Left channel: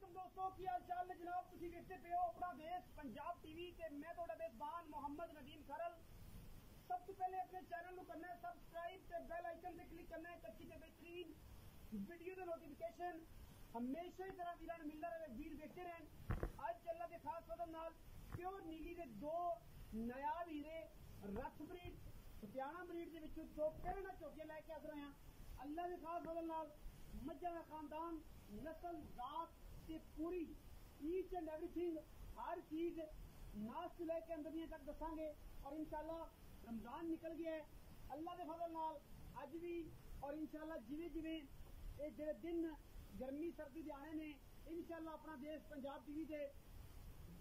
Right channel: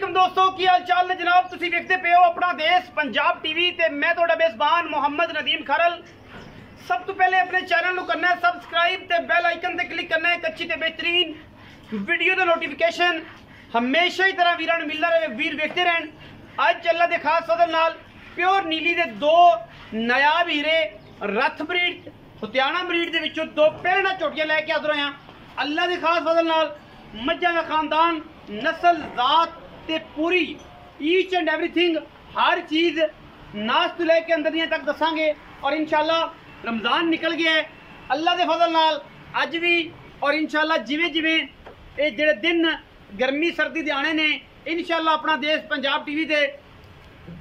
वालेकुम दोस्तों की हाल चाल ने जनाब तुसी देखते पे हो अपना देश पंजाब टीवी ते मैं ਤੁਹਾਡਾ मेज़बान मोहम्मद नदीम खरल। सब तो पहले अपने चैनल को करना है सबसक्राइब ते बेल आइकन ते क्लिक करना है एक अच्छी ते बेहतरीन वीडियो का नोटिफिकेशन हमेशा ही तरह वीरां मिलता रहे, वीर देखते रहन। अज अल्लाह के खास फजल नाल प्योर नीली के दो नायाब हीरे रथ ब्रीड हुतियाना ब्रीड के विचों दो पहलना झोटियां लैके हाज़र होया। अल्लाह के खास फजल नाल मज्जां का खानदान नस्ल जात ते पूरी ईच एंड एवरीथिंग हर चीज़ नाश तो लैके अंदर दियां तक दसांगे। और इंशाल्लाह रमज़ान निकल गया है अल्लाह के फजल नाल अज भी, और इंशाल्लाह जिवें जिवें ये जेड़े दिन गर्मी सर्दी दे आने ने इंशाल्लाह अपना देश पंजाब टीवी से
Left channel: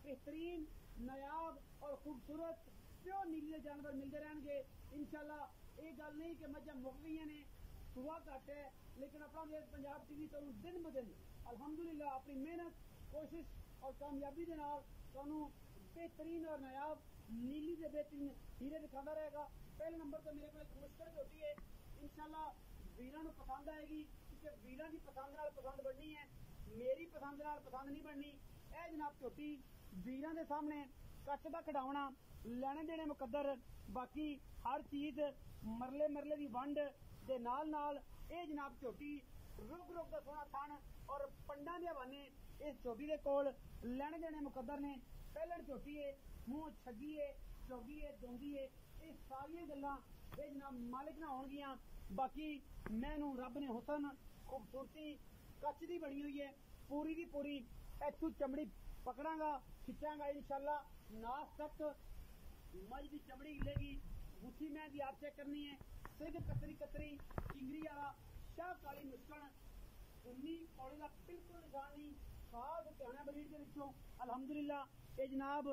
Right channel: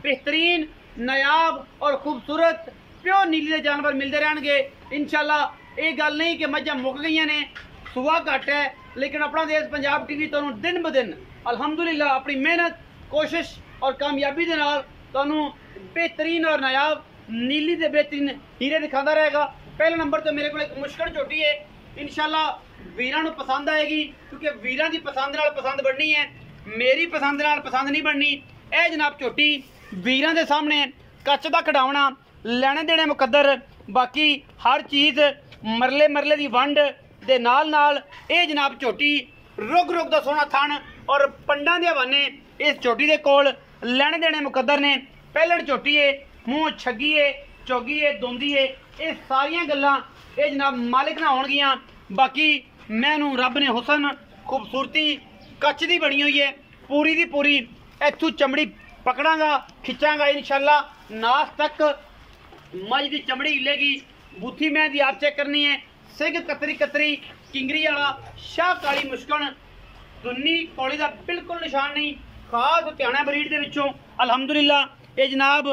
बेहतरीन नायाब और खूबसूरत प्योर नीली के जानवर मिलते रहनगे। इंशाल्लाह ये गल नहीं कि मज्जां मुक गई ने, सुबह घट है, लेकिन अपना देश पंजाब टीवी तुहानूं दिन ब दिन अल्हम्दुलिल्लाह अपनी मेहनत कोशिश और कामयाबी के नाल तुहानूं बेहतरीन और नायाब नीली के बेहतरीन हीरे दिखाता रहेगा। पहले नंबर तो मेरे को एक मुश्किल झोटी है, इंशाल्लाह वीरां नूं पसंद आएगी क्योंकि वीरां की पसंद नाल पसंद बननी है, मेरी पसंद नाल पसंद नहीं बननी। यह जनाब झोटी वीरां दे सामने कच दा खड़ावना लैने देने मुकद्दर, बाकी हर चीज़ मरले मरले की वंड दे नाल नाल ये जनाब झोटी रुग रुग दा सोहना थन और पंडां दे हवाने इस झोटी दे कोल लैने देने मुकद्दर ने। पहलण झोटी है, मूँह छगी है, चौगी है, दोंदी है, ये सारियां गल्लां ये जनाब मालिक ना होणगियां। बाकी मैनू रब ने हुसन खूबसूरती कच दी बनी हुई है पूरी दी पूरी, इत्थों चमड़ी पकड़ांगा खिंचांगा इंशाल्लाह नास तक मज की चमड़ी हिलेगी। बूथी मैं दी आप चेक करनी है, सिग कतरी कतरी किंगरी वाला शाह काली मुश्कन दुन्नी कौली का बिल्कुल निशान नहीं। खास हुतियाना ब्रीड के विचों अल्हम्दुलिल्लाह ये जनाब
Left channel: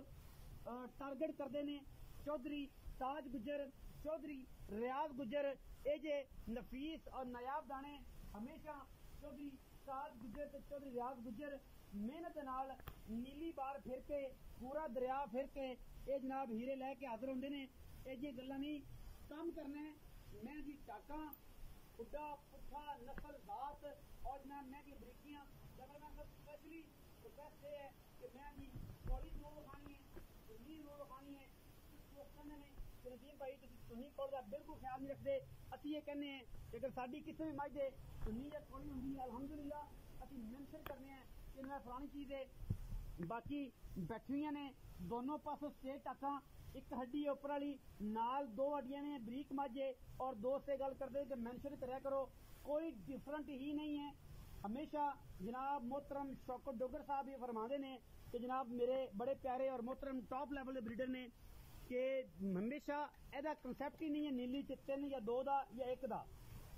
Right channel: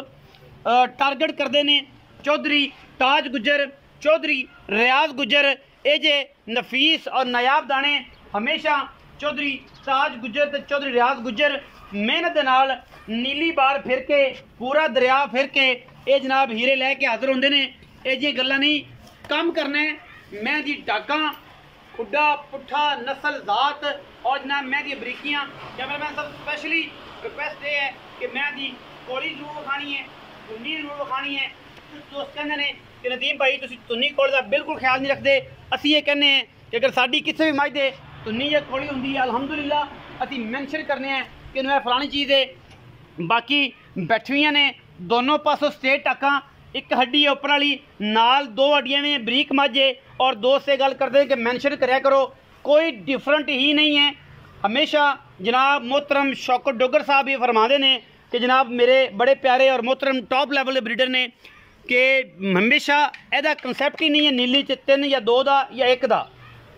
टारगेट करते हैं चौधरी ताज गुजर, चौधरी रियाज गुजर। ये जे नफीस और नायाब दाने हमेशा चौधरी ताज गुजर ते चौधरी रियाज गुजर मेहनत के नाल नीली बार फिर के पूरा दरिया फिर के ये जनाब हीरे लैके हाजिर होंगे ने। ये जी गल्लां नहीं काम करने मैं जी डाका खुड्डा पुट्ठा नस्ल जात और जनाब मैं दी बरीकियाँ कैमरामैन सब स्पेशली रिक्वेस्ट ये है कि मैं दी कौली जरूर विखानी है, तुन्नी जरूर विखानी है। कुछ दोस्त कहते हैं कि नदीम भाई तुसीं तुन्नी कौल का बिल्कुल ख्याल नहीं रखते। असीं ये कहने हैं कि अगर साडी किसी भी मज दे तुन्नी या कौली होंदी है अल्हम्दुलिल्लाह असीं मैंशन करने हैं कि इन्हें फलानी चीज़ है। बाकी बैठियां ने दोनों पासों स्ट्रेट टाका, एक हड्डी है उपर वाली नाल दो हड्डियां में बरीक मज है। और दोस्त से गल करते कि मैंशन कराया करो, कोई डिफरेंट ही नहीं है। हमेशा जनाब मोहतरम शौकत डोगर साहब ये फरमाते हैं कि जनाब मेरे बड़े प्यारे और मोहतरम टॉप लैवल के ब्रीडर ने कि हमेशा यदा कंसैप्ट ही नहीं है नीली च तीन या दो का या एक का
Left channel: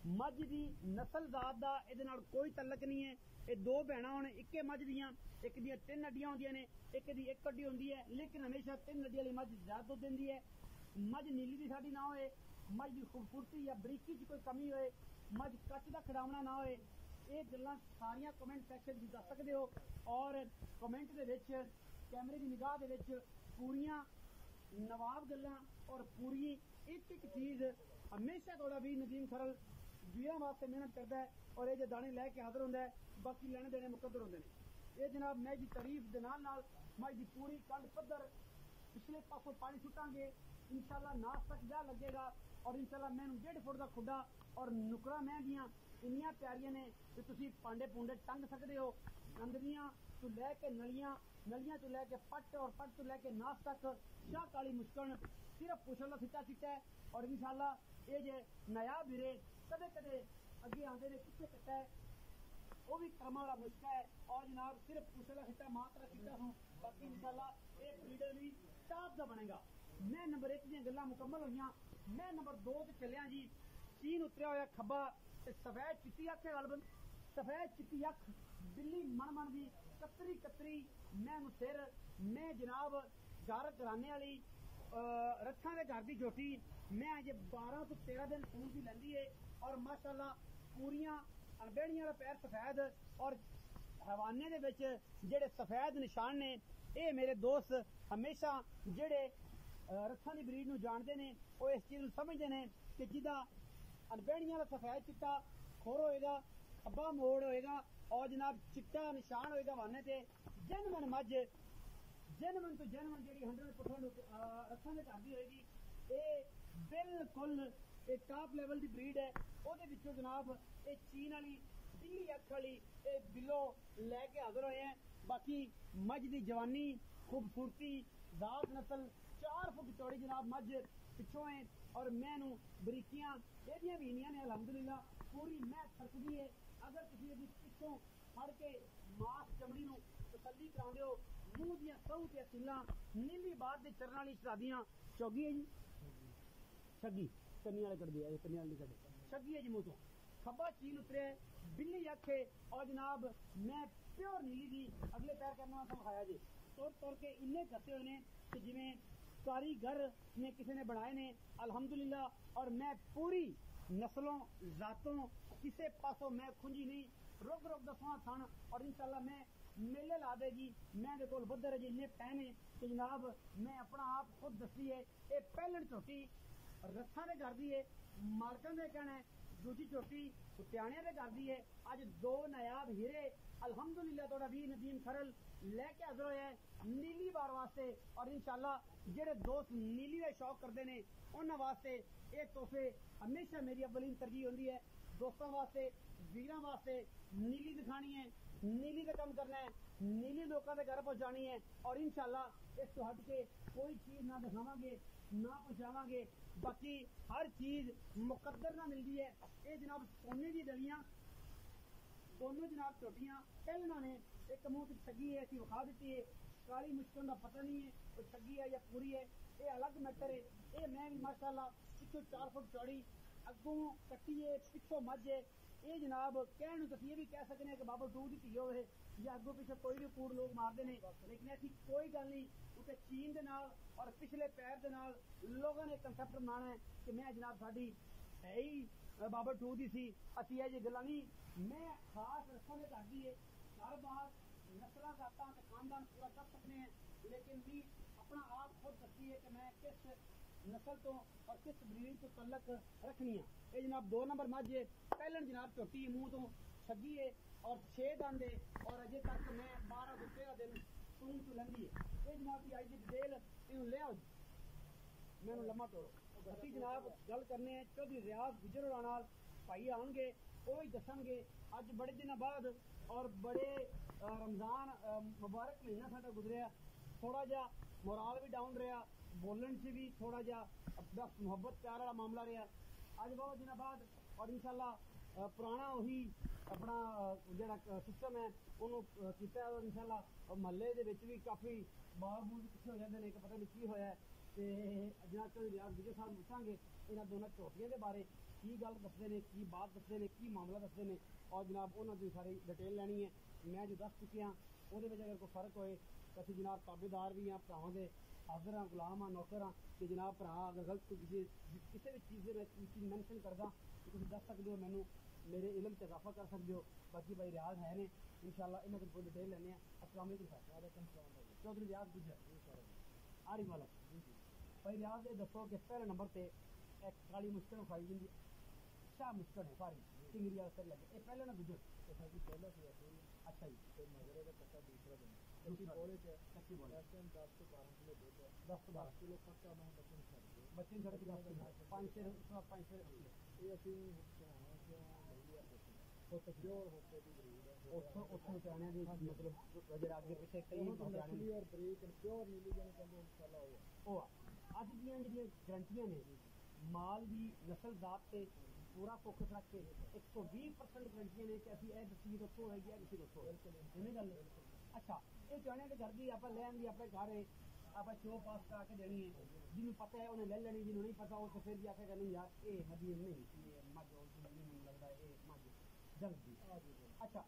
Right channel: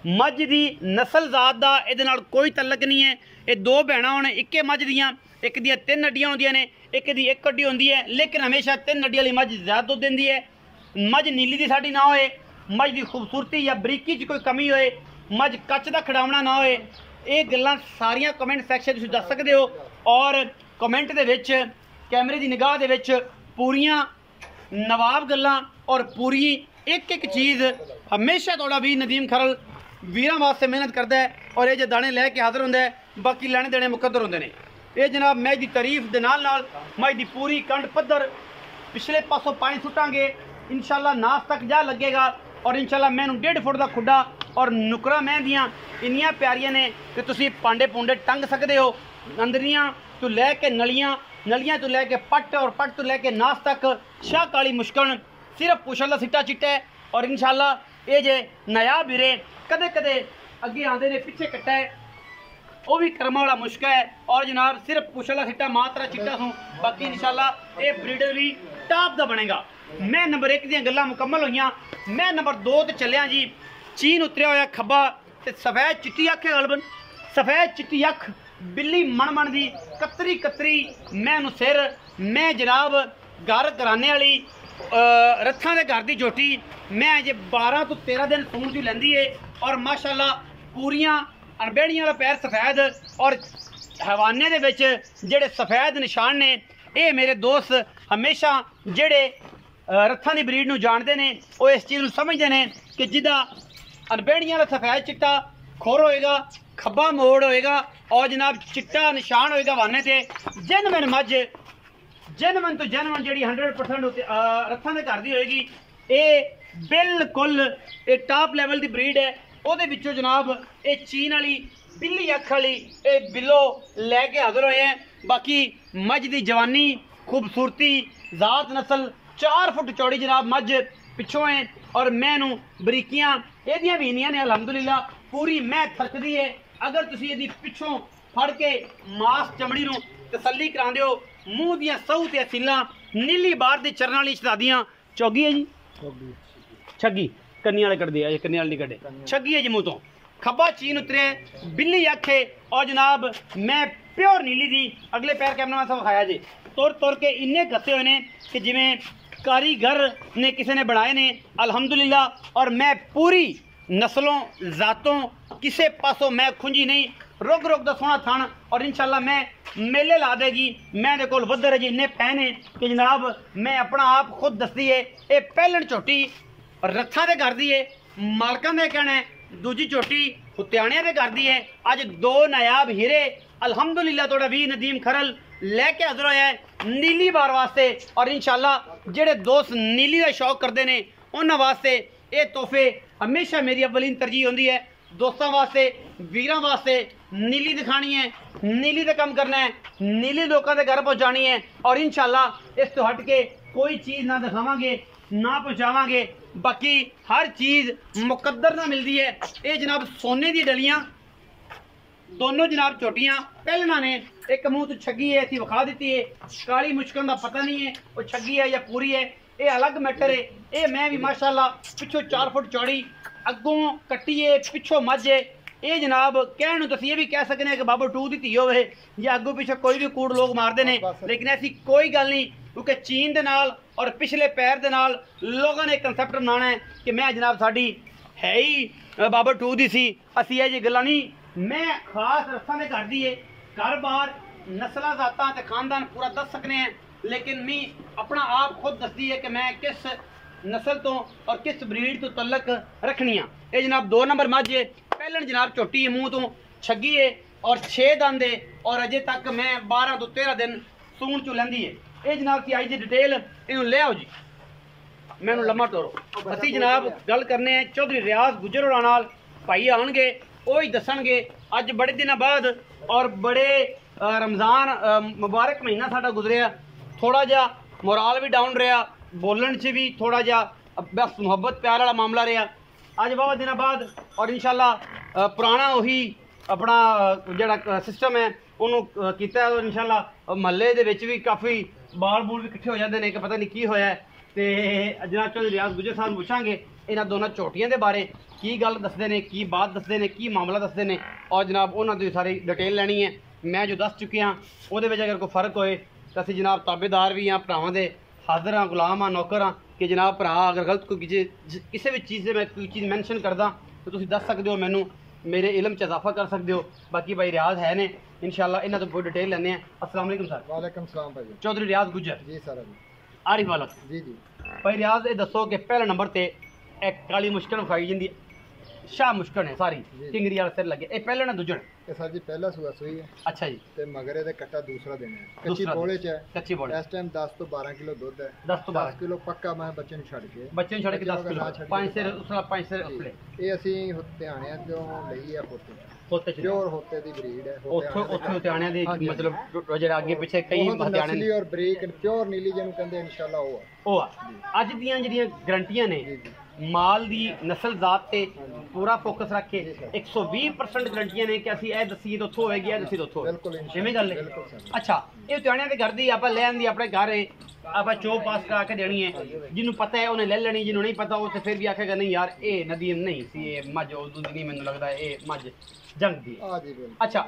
मझ की नस्ल जात का ये कोई तलक नहीं है। ये दो भैणां होने इक्के मझ दियाँ, एक दियाँ तीन हड्डियाँ होंदियां ने, एक दी एक हड्डी होंदी है, लेकिन हमेशा तीन हड्डी वाली मझ ज़्यादा दुध देंदी है। मझ नीली की साड़ी ना होए, मझ की खूबसूरती या बरीकी च कोई कमी होए, मझ कच का खड़ावना ना होए, ये गल्लां सारियां कमेंट सैक्शन तुसीं दस सकदे हो। और कमेंट दे विच कैमरे की निगाह दे विच पूरियां नवाब गल्लां और पूरी एक एक चीज़ हमेशा थोड़ा भी नदीम खरल वीरां वास्ते मेहनत करता है और ये जो दाने लैके हाजिर होंदा है, बाकी लैने देने मुकद्दर होंदे ने। ये जनाब मैच की तारीफ के नाल मैच की पूरी कंड पद्धर पिछले पासों पानी सुटांगे इंशाल्लाह नास तक जा लगेगा। और इंशाल्लाह मैनू 1.5 फुट का खुड्डा और नुकरा मैं दियाँ इन्नियां प्यारियां ने कि तुसीं पांडे पुंडे टंग सकते हो। अंदरियां तो लैके नलियां, नलियां तो लैके पट और पट तो लैके नास तक शाह काली मुश्कन सिर्फ पुछल का सिट्टा चिट्टा है। और इंशाल्लाह ये जे नायाब हीरे कदे कदे अगे आते ने पिछे कट्टा है वो भी कर्मा वाला मुश्किल है। और जनाब सिर्फ पुछल का सिट्टा मात्रा चिट्टा सूँ, बाकी इंशाल्लाह ये ब्रीडर भी टॉप का बनेगा। मैं नंबर 1 दी गल्लां मुकम्मल हुई, मैं नंबर 2 ते चलिया जी। चीन उतरिया होया खब्बा ते सफ़ैद चिट्टी अख है गलबन, सफ़ैद चिट्टी अख बिल्ली मन मन दी कतरी कतरी मैं सिर। मैं जनाब घर घराने वाली रथां दे घर दी झोटी मैं अजे 12 तो 13 दिन सून च लैंदी है। और माशाल्लाह पूरियां अणबेड़ियां वाला पैर सफ़ैद और हवाने दे विच जेड़े सफ़ैद निशान ने। ये मेरे दोस्त हमेशा जेड़े रथां दी ब्रीड नूं जानते हैं वो इस चीज़ नूं समझते हैं कि जिदा अणबेड़ियां वाला सफ़ैद चिट्टा खुर होएगा, खब्बा मोड़ होएगा, और जनाब चिट्टा निशान होएगा वाने ते जेनवन मज जेनवन तो जेनवन जी 100% रथां दे घर दी होएगी। ये बिल्कुल ये टॉप लेवल की ब्रीड है। ਉਹਦੇ ਵਿੱਚੋਂ जनाब ये चीन वाली बिल्ली अख वाली ये बिलो लैके हाजिर होए हैं। बाकी मझ की जवानी खूबसूरती जात नस्ल 4 फुट चौड़ी जनाब मझ पिछों है और मैनू बरीकियां एदियां भी इनियां ने अलहमदुलिल्लाह पूरी मैं थकदी है। अगर तुसी एदी पिछों फड़ के मास चमड़ी नू तसल्ली करांदे हो मूँह दियां सहू ते सीलां नीली बार दी चरण वाली शहजादियां चौगी है जी छगी कन्नी वाले कट दिया कन्नी वाले नहीं कटे छगी है जी मुँह तो खब्बा चीन उतरे बिल्ली अख है और जनाब मैं प्योर नीली दी अगले पैर कैमरा सब खाया जी तुर तुर के इन्ने कसे हुए ने कि जिमें कारीगर ने किसी ने बनाए ने अल्हम्दुलिल्लाह। और मैं पूरी नस्लों जातों किसे पासों मैं खुंजी नहीं रुक रुक दा सोना थान और इंशाल्लाह मैं मेले ला देगी। मैं को वधर जी इन्ने पैन है कि जनाब मैं अपना आप खुद दसदी है ये पहलन झोटी रथा दे घर दी है मालकां दे कहना है दूजी झोटी हुत्याणियां दे घर दी है। अज 2 नायाब हीरे अल्हम्दुलिल्लाह तोड़ा भी नदीम खरल लैके हाजिर होया है नीली बार वास्ते। और इंशाल्लाह जेड़े दोस्त नीली का शौक करते हैं उन्होंने वास्ते ये तोहफे हमेशा मेरी अवलीन तरजीह होंदी है। दोस्तों वास्ते वीरां वास्ते नीली दिखानी है नीली का काम करना है नीली लोगों के घर पहुँचानी है और इंशाल्लाह इस तो हट के कोई चीज़ ना दिखावांगे ना पहुँचावांगे। बाकी हर चीज़ मुकद्दर ना मिलती है। ये जनाब सोने दी डलियां दोनों जनाब छोटियां पहलना ने एक मुँह तो छगी है इतनी विखा दी है काली मुश्किल का पता नहीं है वो छगी है या पूरी है ये अलग मैटर है। ये मैं भी माशाल्लाह पिछों 4 फुट चौड़ी अगों कट्टी है पिछों मझ है। ये जनाब कहने तो ये भी कह सकते हैं कि बाबा 2 दी धी होवे या अगों पिछे कोई भी कूड़ लोग मारते हैं लेकिन ऐसी कोई गल नहीं क्योंकि चीन दे नाल और पिछले पैर दे नाल लोगों ने कंसैप्ट बनाना है कि मैं जनाब साडी है ही बाबा 2 दी सी असी ये जी गल्लां नहीं। मैं खास रस्सां दे घर दी है घर बार नस्लां जातां ते खानदान पूरा दस सकने हैं लेकिन मैं अपना आप खुद दसदी है कि मैं किस नस्ल तो और किस ब्रीड तो तल्लक रखनी है। ये जनाब 2 नंबर मझ है पहलन जनाब झोटी है मुँह तो छगी है और 6 दंद है और अजे तक मैं 12 तो 13 दिन सून चू लैंदी है। ये जनाब की आई जी डिटेल इन्हू ले आओ जी मैनू लम्मा तोड़ो। असी जनाब गल करने हैं चौधरी रियाज गुजर होरां नाल भाई आउणगे वो ही दसणगे अज बड़े दिनों बाद और बड़े रमज़ान मुबारक महीना साडा गुजरिया थोड़ा जा मोराल भी डाउन रहा बोलन च भी थोड़ा जा बस मुहब्बत प्यार वाला मामला रहा अज बहुत दिनों बाद और इंशाल्लाह पुराना वही अपना जिहड़ा सिस्टम है उन्होंने किया इंशाल्लाह महल्ले दे विच भी काफ़ी बाल बूल भी इकट्ठे हो जाते हैं कि पता नहीं की होया है। तो जनाब चौधरी रियाज गुजर साहब पूछांगे इन्हां दोनों झोटियां दे बारे की गल दसदे ने की बात दसदे ने की मामला दसदे ने और जनाब उन्होंने दी सारी डिटेल लैनी है। मैं जो दस चुकी हाँ वो अगर कोई फर्क होए तो असीं जनाब ताबेदार भी हाँ भरावां दे हाजिर हाँ गुलाम हाँ नौकर हाँ कि जनाब भरा अगर गलत कोई किसी भी चीज़ से मैं कोई चीज़ मैंशन करदा तो तुसीं दस सकदे हो मैनू मेरे इलम च इजाफा कर सकते हो। बाकी भाई रियाज है ने इंशाल्लाह इन्हां तो पूरी डिटेल लैने हैं। अस्सलाम वालेकुम सर। वालेकुम सलाम भाई। चौधरी रियाज गुजर जी सर आरिफ वाला जी जी भाई रियाज ये दसो कि पहले नंबर ते एक काली मुश्किल खाई जाती शाह मुश्किल है सारी टिंगरी वाला सिर लगे ये पहले ना दूजण ये सर जी पहला सूआ सूई है। अच्छा जी ते मगरे दे कट्टा दूसरा दिन है कच्ची बोले च है कच्ची बोले इस टाइम 10 तो 12 किलो दूध है 10 तो 12 किलो पक्का मैं बच्चे ਨੂੰ ਛੱਡ ਕੇ 10 किलो 5 सिर उसला 5 सिर उसले ਇਹ ਅਸੀਂ ਹੁਤਿਆਣਿਆਂ ਤੋਂ ਲਈ ਆ ਹੋਤੇ होते च प्योर होते दी ब्रीड है ਉੱਥੋਂ ਹੁਤਿਆਣਿਆਂ ਦੇ मतलब ਜਿਹੜਾ ਅੱਗੇ ਪਿੱਛੇ ਕਈ ਹੁਤਿਆਣੇ ਨਸਲੀ ਔਰ ਬਰੀਕ ਪਿਓਰ ਨੀਲੀ ਜਿਹਨੂੰ ਕਹਿੰਦੇ ਇਨਸ਼ਾਅੱਲਾ ਉਹ ਆ ਉਹ ਆ ਅੱਜ ਦੀਆਂ ਜਿਹੜੀਆਂ ਗਰੰਟੀਆਂ ਨੇ ਮਾਲ ਦੀ ਨਸਲ ਜ਼ਾਤ ਤੇ ਪੂਰਾ ਫੋਕਸ ਰੱਖ ਕੇ 120% ਗਰੰਟੀਆਂ ਨੇ ਕਿ ਅਸੀਂ ਇਹ ਦਸੀਏ ਤੋਂ ਉੱਥੋਂ ਹੋਏਗੀ ਇਹ ਦਸੀਏ ਤੋਂ ਉੱਥੋਂ ਬਿਲਕੁਲ ਜਿਵੇਂ ਗੱਲ ਹੈ। ਅੱਛਾ ਇਹ ਹੁਤਿਆਣਿਆਂ ਦੇ ਘਰ ਦੀ ਆਪਾਂ ਲੈ ਆਂਦੀ ਆਪਣੇ ਘਰ ਹੈ ਆਪਾਂ ਚੋ ਪਾਸ ਕਰਾ ਕੇ ਦੇਣੀ ਹੈ ਜਿਹਨੂੰ ਪਤਾ ਹੈ ਉਹਨੇ ਲੈ ਲੈਣੀ ਜਿਹਨੂੰ ਨਹੀਂ ਪਤਾ ਉਹ ਤੇ ਫਿਰ ਵੀ ਆਖੇਗਾ ਨਹੀਂ ਯਾਰ ਇਹ ਨਦੀਮ ਨਹੀਂ ਸੀ ਇਹ ਮੱਝ ਉਦੋਂ ਦੀ ਨਹੀਂ ਮੈਨੂੰ ਲੱਗਦਾ ਇਹ ਮੱਝ जंग दी। अच्छा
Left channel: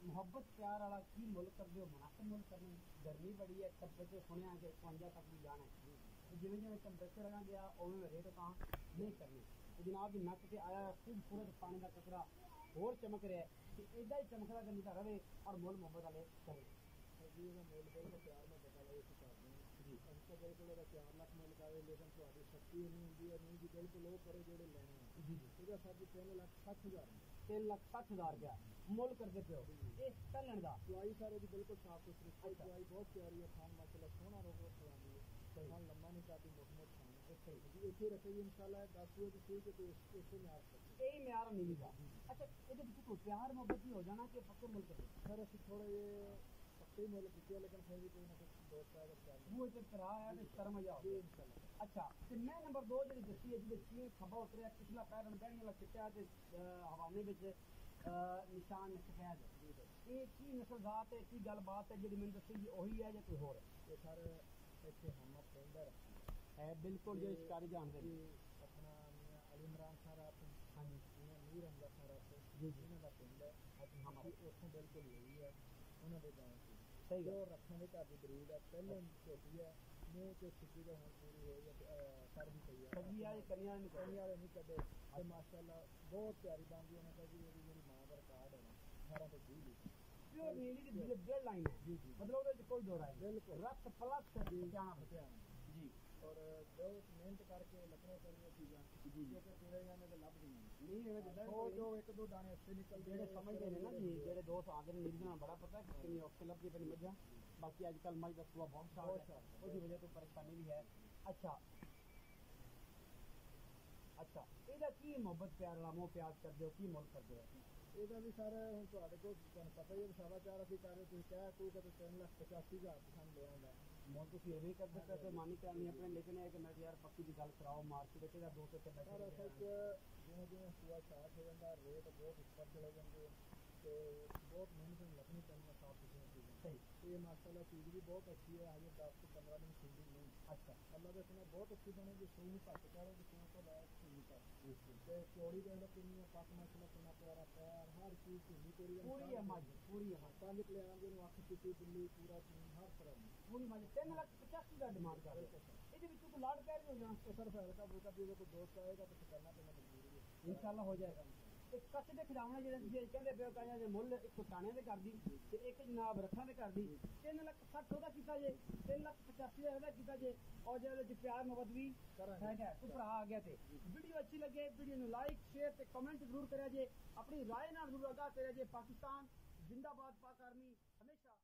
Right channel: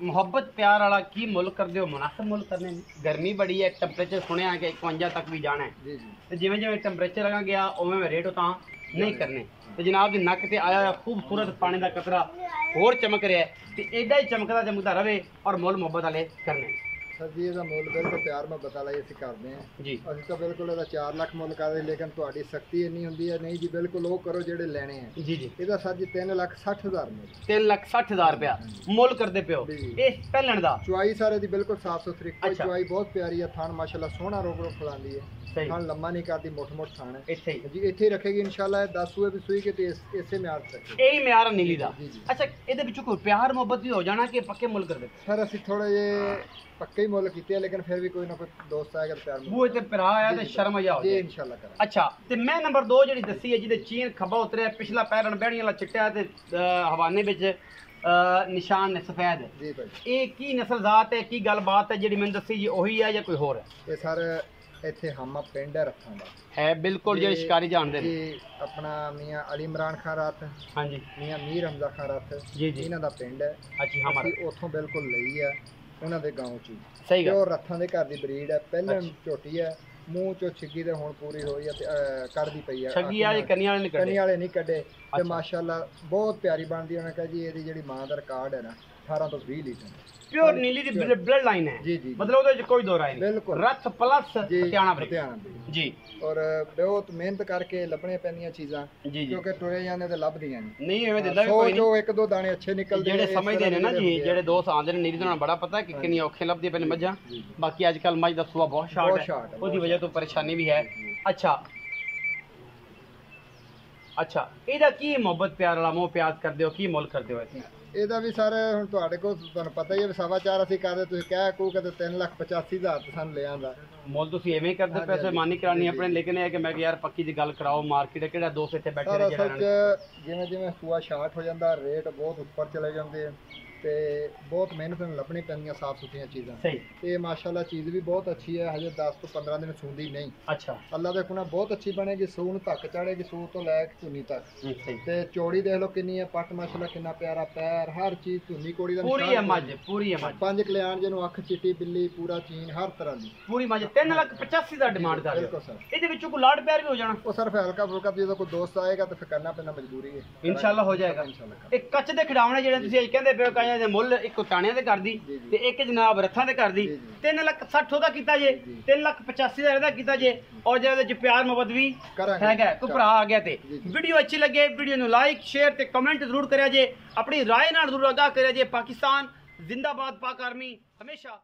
मुहब्बत प्यार वाला की मुल कर दो मुनासिब मुल करने में गर्मी बड़ी है टैंपरेचर सुने कि 51 तक भी जाना है तो जिमें जिमें टैंपरेचर लगा गया उवें में रेट उतां नहीं करने तो जनाब दी नक ते आया खूबसूरत पानी का कतरा होर चमक रहा है तो एडा ही चमकदा चमकदा रहे और मुल मुहब्बत वाले करने ਸਰ ਜੀ ਇਹਦਾ ਮੁੱਲ ਬਿਲਕੁਲ ਪਿਆਰ ਮੁਹੱਬਤ ਵਾਲਾ ਹੀ ਅਸੀਂ ਕਰਦੇ ਹਾਂ ਜੀ ਅਸੀਂ ਤਾਂ ਬਿਲਕੁਲ ਇਹਦਾ 4 ਲੱਖ ਮੁੱਲ ਕਰਦੇ, ਲੇਕਿਨ ਤੁਹਾਡੀ ਸਖਤੀ ਇੰਨੀ ਹੁੰਦੀ ਹੈ ਨਹੀਂ ਜੀ, ਬਿਲਕੁਲ ਉਹ ਕਰੋ ਜਿਹੜੇ ਲੈਣੇ ਆ। ਜੀ ਜੀ ਇਹਦਾ ਸਰ ਜੀ 3,60,000 ਮੁੱਲ। 3,60,000 ਰੁਪਇਆ ਮੁੱਲ ਕਰਦੇ ਪਿਓ ਜੀ। ਇਹ ਪਹਿਲਣ ਦਾ ਚੁਆਈ ਸਾਰੇ ਦੀ ਬਿਲਕੁਲ ਸਾਫ ਸੁਥਰੀ, ਕੋਈ ਅੱਛਾ। ਚੁਆਈ ਬਹੁਤ ਪਿਆਰੀ ਹੈ, ਥਾਣ ਮਾਸ਼ਾਅੱਲਾ ਸੋਹਣਾ ਰੋਕ ਰੋਕ ਖਲਾਉਂਦੀ ਹੈ, ਸਹੀ ਥਾਣ ਲੰਮਾ ਨਹੀਂ ਕਰਦੀ, ਮੋਟ ਥਾਣ ਹੈ ਇੱਥੇ ਹੀ ਜੀ। ਇੱਥੇ ਹੀ ਰੱਖੇਗੀ ਇਨਸ਼ਾਅੱਲਾ, 10 ਸੂਏ ਵੀ ਸੂਈ ਕੇ ਤੇ ਇਸੇ ਮਿਆਰ ਚ ਰੱਖੇਗੀ। ਇਹੀ ਮਿਆਰ ਆ ਨੀਲੀ ਦਾ। ਜੀ ਜੀ। ਅੱਛਾ ਇਹਦੇ ਵਿੱਚੋਂ ਕੋਈ ਪਿਆਰ ਮੁਹੱਬਤ ਵੀ ਹੋ ਜਾਣਾ ਕਿ ਪੱਕੇ ਮੁੱਲ ਕਰਦੇ ਸਰ ਅਸੀਂ ਥੋੜੇ ਜੇ ਪੱਕੇ ਹੀ ਮੁੱਲ ਕੀਤੇ ਆ, ਲੇਕਿਨ ਫਿਰ ਵੀ ਕੋਈ ਨਾ ਕੋਈ ਦੋਸਤ ਆਏਗਾ ਤਾਂ ਪਿਆਰ ਬੂਹੇ ਤੇ ਭਰਾ ਆਇਆ ਤੇ ਸ਼ਰਮ ਆ ਹੋ ਜੀ ਜਾਏ। ਇਨਸ਼ਾਅੱਲਾ ਕਰਾਂਗੇ। ਅੱਛਾ ਤੇ ਮੈਂ ਨੰਬਰ 2 ਜਿਹੜੀ ਦੱਸੀ ਹੈ ਜਿਹਦੇ ਚੀਨ ਖੱਬਾ ਉਤਰਿਆ, ਪਿਛਲਾ ਪੈਰਨ ਬਹਿਣੀ ਵਾਲਾ ਚਿੱਟਾ ਤੇ ਹਵਾਨੇ ਵਿੱਚ ਨਿਸ਼ਾਨ ਨੇ ਸਫੈਦ। ਜੀ ਭਾਈ ਇਹ ਕੀ ਨਸਲ ਜ਼ਾਤ ਹੈ, ਕੀ ਗੱਲਬਾਤ ਹੈ ਜਿਹੜੀ ਮੈਨੂੰ ਦੱਸੀ ਜੀ ਉਹੀ ਹੈ ਜਾਂ ਕੋਈ ਹੋਰ ਹੈ? ਇਹ ਸਰ ਇੱਥੇ ਹਮਾ ਪਿੰਡ ਹੈ ਰੱਖਾਂ ਦਾ ਹੈ ਬਿਲਕੁਲ ਜਿਹੜੇ ਜੀ, ਸ਼ਿਕਾਰੀ ਜਾਣਦੇ ਨੇ। ਜੀ ਆਪਣਾ ਮੀਆਂ ਅਲੀ ਇਮਰਾਨ ਖਾਨ ਰਾਤ, ਹਾਂਜੀ ਮੀਆਂ ਮੀਰ ਹਮਜ਼ਾ ਖਾਨ ਰਾਤ, ਜੀ ਜੀ। ਇਹਨਾਂ ਦਾ ਪਿੰਡ ਹੈ। ਅੱਛੀ ਹਮਾਰਾ ਅਸੀਂ ਉੱਥੋਂ ਬਿਲਕੁਲ ਲਈ ਹੈ ਉਹਨਾਂ ਦੇ ਗਾਉਂ ਚ ਹੀ। ਸਹੀ ਤੇ ਗੱਲ। ਉਹ ਰੱਥਾਂ ਦੇ ਘਰ ਦੀ ਬਰੀਡ ਹੈ, ਪਹਿਲਾਂ ਅੱਛਾ। ਝੋਟੀ ਹੈ, ਮੂੰਹ ਚੋਂ ਛਿੱਗੀ ਤੇ ਹੁਣ ਪੂਰੀ ਹੋਈ ਹੈ ਤੇ ਕੱਢਦੀ ਪਈ ਹੈ। ਛੱਗੀ ਆ ਜੀ ਕੰਨੀ ਵਾਲੇ ਨੇ ਕੰਨੀ ਕੱਢੇ। ਵਾਲੇ ਨਹੀਂ ਕੱਢੇ ਤੇ ਅੱਛਾ। ਮਾਸ਼ਾਅੱਲਾ ਬਹੁਤ ਪਿਆਰੀ ਬਣਦੀ। ਉਹਨੇ ਕਿਹਾ ਜੀ ਇਹਦੀ ਜਿਹੜੀ ਮਾਂ ਦਾ ਰਿਕਾਰਡ ਹੈ ਨਾ 18 ਤੋਂ 20 ਲੀਟਰ ਪਿਓਰ ਨੀਲੀ ਦੀ ਬਲੱਡ ਲਾਈਨ ਹੈ। ਜੀ ਜੀ ਮਤਲਬ ਉਹਦੇ ਵਿੱਚ ਕੋਈ ਦੋ ਰਾਏ ਨਹੀਂ। ਬਿਲਕੁਲ। ਰੱਥ ਪਲੱਸ ਜੀ ਪਟਿਆਣਾ ਬਰੀ। ਪਟਿਆਣਾ ਬਰੀਡ। ਜੀ ਔਰ ਬਹੁਤ ਮਿਹਨਤ ਕਰਕੇ ਲੱਭਣੇ ਪੈਂਦੀਆਂ ਚੀਜ਼ਾਂ, ਜੀ ਜੀ। ਕਿਉਂਕਿ ਟੁਰੇ ਜਾਂਦੇ ਤੇ ਲੱਭਦੀਆਂ ਨਹੀਂ। ਨਹੀਂ ਐਵੇਂ ਦਿੰਦਾ ਵੀ ਸੌ ਕੋਈ ਨਹੀਂ। ਚੋਂ ਇੱਕ ਦੋ ਦਾਣੇ ਅੱਛੇ ਨਿਕਲਦੇ ਜਿਹੜੇ ਇਸ ਸਮਝਦੇ ਤਰ੍ਹਾਂ ਨੇ ਨਾ ਦੇ ਜੀ, ਹੁੰਦੇ ਆ। ਜਿਹੜੇ ਦੋਸਤ ਆਉਂਦੇ ਨੇ ਨੀਲੀ ਤੋਂ ਬੜਾ ਪਤਾ ਕਿ ਕਿੰਨੀ ਔਖੇ ਲੱਭਦੀਆਂ ਪੈਣੇ ਮੱਝਾਂ। ਬਾਕੀ ਅੱਜ ਕੱਲ ਮੱਝ ਦਾ ਸੁਆ ਬਹੁਤ ਸ਼ਾਰਟ ਬਹੁਤ ਹੈ, ਸ਼ਾਰਟ ਹੈ, ਉਹਦੀ ਬਹੁਤ ਵਜ੍ਹਾ ਤੋਂ ਪਰੇਸ਼ਾਨੀ ਵੀ ਹੈ। ਜੀ। ਅੱਛਾ ਅੱਛਾ ਇਹਦਾ ਕੀ ਮੁਹੱਬਤ ਪਿਆਰ ਵਾਲਾ ਮੋਹ ਪਿਆਰ ਕਰਦੇ ਹੋ, ਕੀ ਮੁੱਲ ਕਰਦੇ ਹੋ ਇੱਥੇ? ਇਹਦਾ ਵੀ ਸਰ ਹੁਣ ਤੁਹਾਡੇ ਕੋਲ ਤੁਹਾਨੂੰ ਪਤਾ ਹੀ ਹੈ ਵੀ 4.25 ਅਸੀਂ ਕਰਦੇ, ਤੁਸੀਂ ਕਹਿ ਕੋ ਕਦੇ 3,85,000 ਤੇ ਸਾਨੂੰ ਲੈ ਆਂਦਾ ਮੁੱਲ ਤੁਸੀਂ ਐਵੇਂ ਹੀ ਕਰਦੇ ਹਾਂਜੀ, ਪੈਸੇ ਹਾਂਜੀ। ਮਾਨੀ ਕਰਾਣੀ ਜੀ, ਆਪਣੇ, ਜੀ। ਲੇਕਿਨ ਇਹ ਹੈ ਕਿ ਮੈਂ ਕਿ ਯਾਰ ਪੱਕੀ ਦੀ ਗੱਲ ਕਰਾਓ, ਮਾਰਕੀਟ ਕਿਹੜਾ ਦੋਸਤ ਇੱਥੇ ਬੈਠੇ ਸਰ ਨੇ ਅਸਲ ਜਿਹੜਾ ਚ ਜਿਵੇਂ ਜਿਵੇਂ ਸੂਆ ਸ਼ਾਰਟ ਹੋ ਜਾਂਦਾ ਰੇਟ ਬਹੁਤ ਉੱਪਰ ਚਲੇ ਜਾਂਦੇ ਆ ਤੇ ਬਹੁਤ ਮਿਹਨਤ ਨਾਲ ਲੱਭਣੀ ਪੈਂਦੀਆਂ ਸਾਫ ਸੁਥਰੀਆਂ ਚੀਜ਼ਾਂ। ਸਹੀ। ਤੇ ਮਾਸ਼ਾਅੱਲਾ ਚੀਜ਼ ਵੀ ਬਹੁਤ ਅੱਛੀ ਹੈ, ਹਜੇ 10 ਤੋਂ 15 ਦਿਨ ਸੂੰਦੀ ਨਹੀਂ। ਅੱਛਾ ਅੱਲਾ ਦੇ ਕੋਲ ਬਹੁਤ ਅੱਛੀ ਬਣੇਗੀ, ਸੂਣ ਤੱਕ ਚੜੇਗੀ, ਸੂਣ ਤੋਂ ਲੈ ਕੇ ਧੁੰਨੀ ਤੱਕ। ਸਹੀ। ਤੇ ਚੌੜੀ ਦੇਖ ਲਓ ਕਿੰਨੀ ਹੈ, ਪੱਟ ਮਾਸ਼ਾਅੱਲਾ ਕਿੰਨਾ ਪਿਆਰਾ ਪੈਰ, ਹਰ ਚੀਜ਼ ਧੁੰਨੀ ਕੋੜੀ ਦਾ ਪੂਰੀ ਹੈ ਮੱਝ, ਪੂਰੀ ਹੈ ਮੱਝ। 5 ਕਲਿਆਣ ਜਿਹਨੂੰ ਅੱਖ ਚਿੱਟੀ ਬਿੱਲੀ ਪੂਰਾ ਚੀਨ ਹਰ ਤਰ੍ਹਾਂ ਦੀ ਪੂਰੀ ਮੱਝ 3,85,000 ਦਾ ਡਿਮਾਂਡ ਕਰ ਰਹੇ ਬਿਲਕੁਲ ਹੋ। ਸਰ। ਇਹਦੇ ਵਿੱਚੋਂ ਕੋਈ ਲਾੜ ਪਿਆਰ ਵੀ ਹੋ ਜਾਣਾ ਉਹ ਸਿਰਫ ਹਲਕਾ ਫੁਲਕਾ ਜਦੋਂ ਕੋਈ ਦੋਸਤ ਆਏਗਾ ਤਾਂ ਫਿਰ ਕਰਨਾ ਪੈਣਾ, ਮਜਬੂਰੀ ਹੈ। ਇਨਸ਼ਾਅੱਲਾ ਹੋ ਜਾਏਗਾ। ਇਨਸ਼ਾਅੱਲਾ। ਇਹ ਕੱਚ ਦੇ ਖਿਡਾਉਣੇ ਜਿਹੜੇ ਤੁਸੀਂ ਅੱਜ ਕਹਿੰਦੇ ਪਿਓ ਕਾਇਆਂ ਦੇ ਮੁੱਲ ਇੱਕ ਟਾਣਿਆਂ ਦੇ ਕਰਦੀ ਜੀ, ਜੀ। ਤੇ ਇੱਕ ਜਨਾਬ ਰੱਥਾਂ ਦੇ ਕਰਦੀ। ਜੀ, ਜੀ। 3,60,000 ਉਹਦਾ ਕੀਤਾ ਜੇ, ਜੀ। 3,85,000 ਇਹਦਾ ਕੀਤਾ ਜੇ, ਔਰ ਜਿਹਦੇ ਵਿੱਚ ਪਿਆਰ ਮੁਹੱਬਤ ਵੀ ਕਰਾਂਗੇ। ਹੈਗਾ। ਕੋਈ ਭਰਾ ਆ ਗਿਆ ਤੇ ਜੀ, ਜੀ। ਵੀਡੀਓ ਅੱਛੀ ਲੱਗੇ ਵੀਡੀਓ ਨੂੰ ਲਾਈਕ ਸ਼ੇਅਰ ਤੇ ਕਮੈਂਟ ਜ਼ਰੂਰ ਕਰਿਆ ਜੇ, ਆਪਣੀ ਰਾਏ ਨਾਲ ਜ਼ਰੂਰ ਆਗਾਹ ਕਰਿਆ ਜੇ। ਪਾਕਿਸਤਾਨ ਜ਼ਿੰਦਾਬਾਦ, ਪਾਕ ਆਰਮੀ ਹਮੇਸ਼ਾ